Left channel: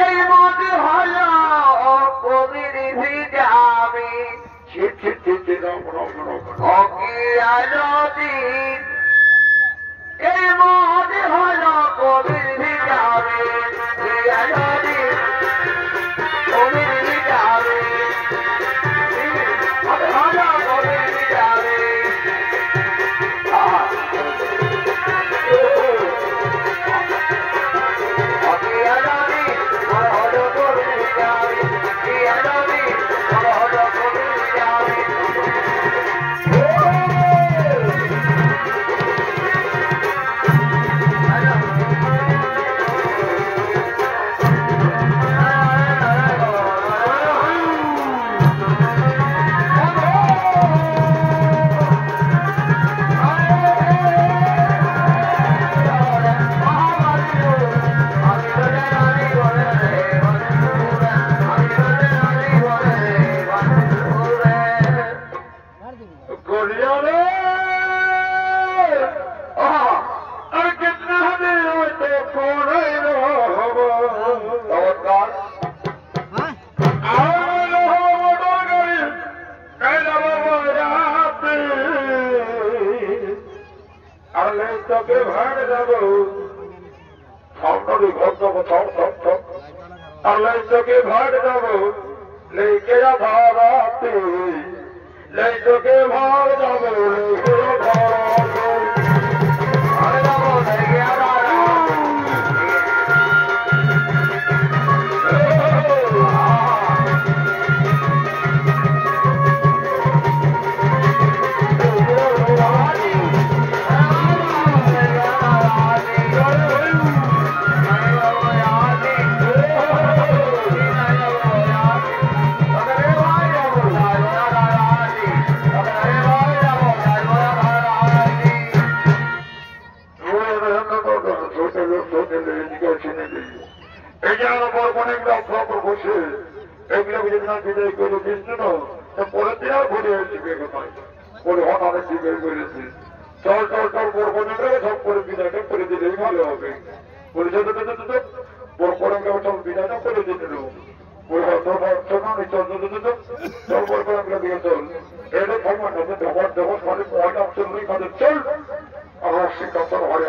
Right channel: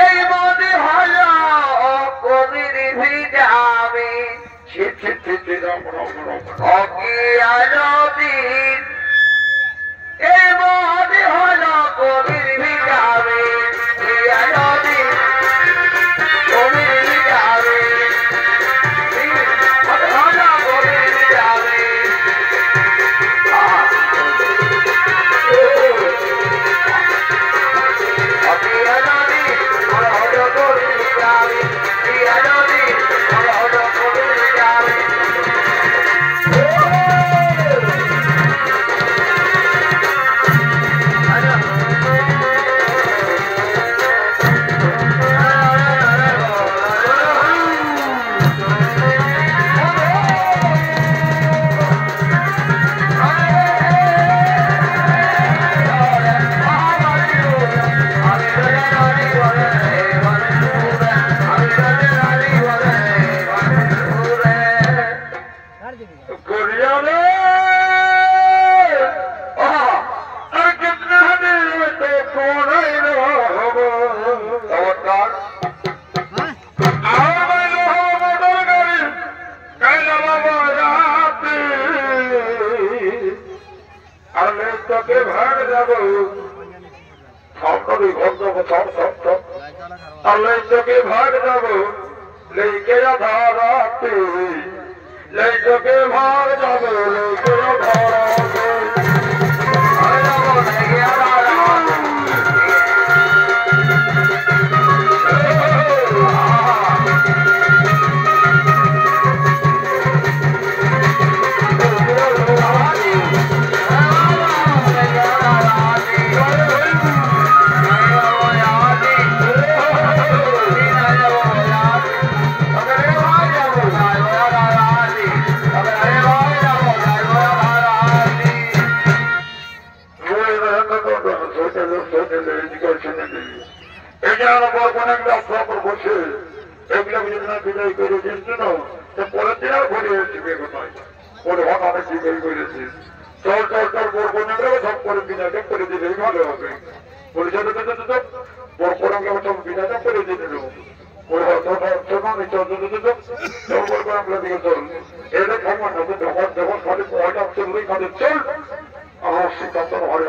এই মনে হল কবির ভিজাবে অকিয়াদিন এই মনে হল কবির ভিজাবে কবির ভিজাবে কবির ভিজাবে भाग जब लेके धाराते लेके भाग जब लेके धाराते चल चल चल सब विनाटक कर दिले ভালো হবে পরিষদে सब विनाटक कर दिले ওই চল চল চল